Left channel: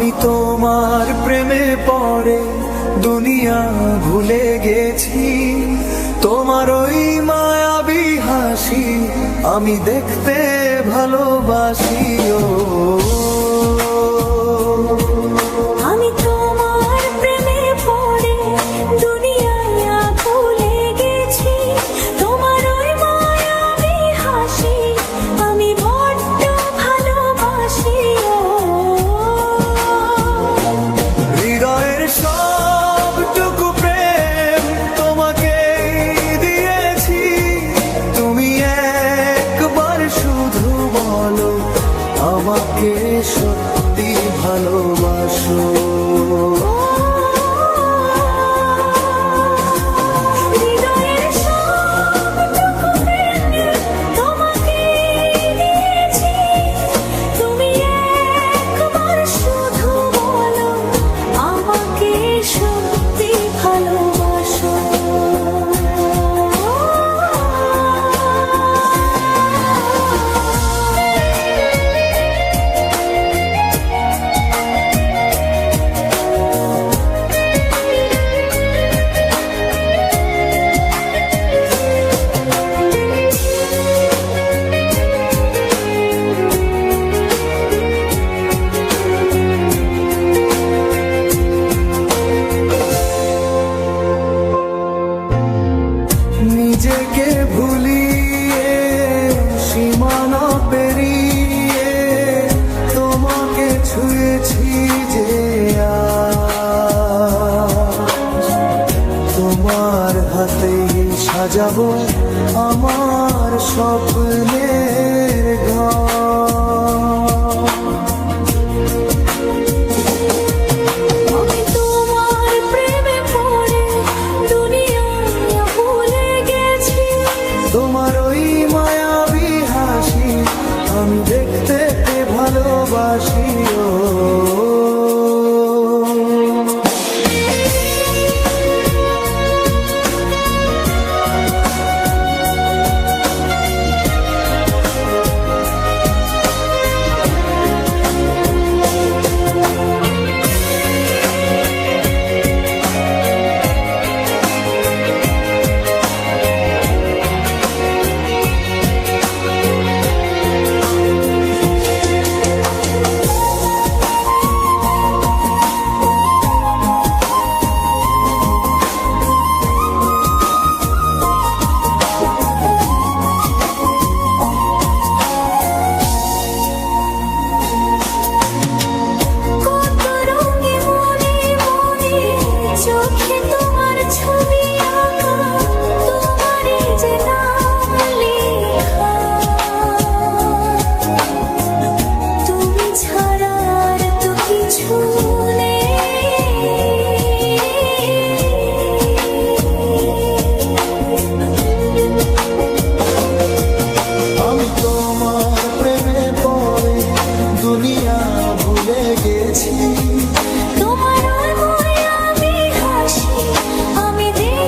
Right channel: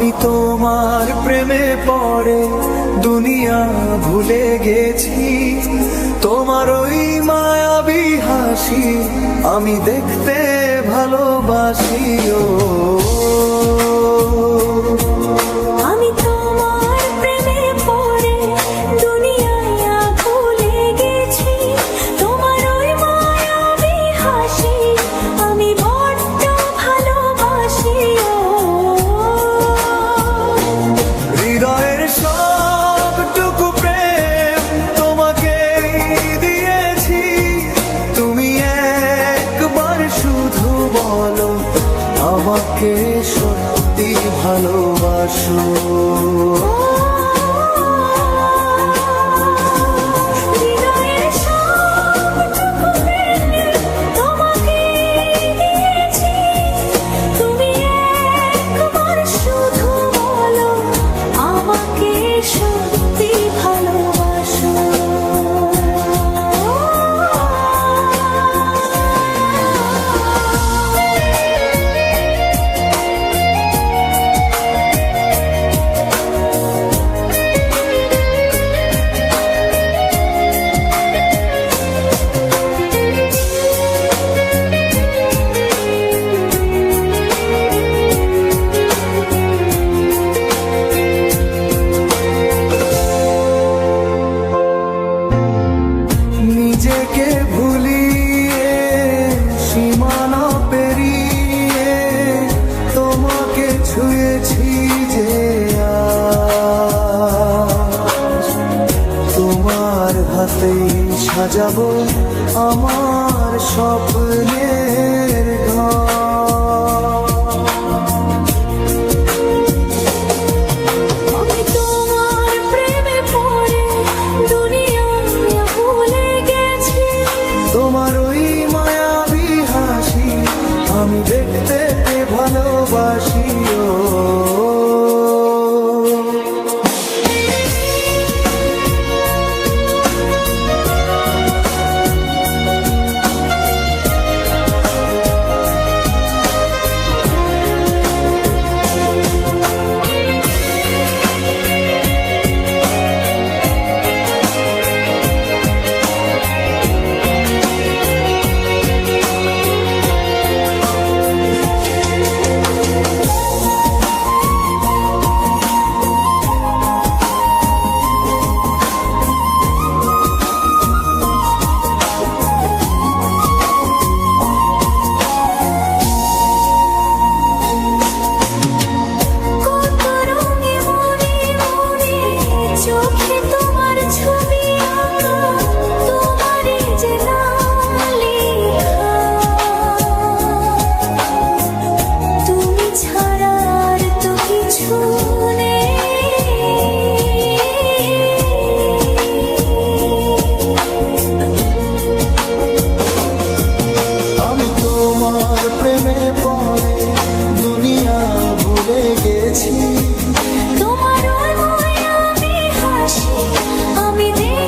তোমার প্রেমে পড়ে দুনিয়া ভুলে গেছি। তোমার ওই মায়াবী হাসি আমি দেখতে ভালোবাসি ও। আমাকে সত্যি ভালোবাসো। নিজেকে ভুলিয়ে সীমানা পেরিয়ে তোমাকে ছুঁয়েছি যে তোমার হাতেই সাজাবো আমার স্বপ্নের ঘর। আমি দেখতে পে আমি তোমার প্রেমে পরে দুনিয়া ভুলে গেছি। তোমার আমি হাসি আমি দেখ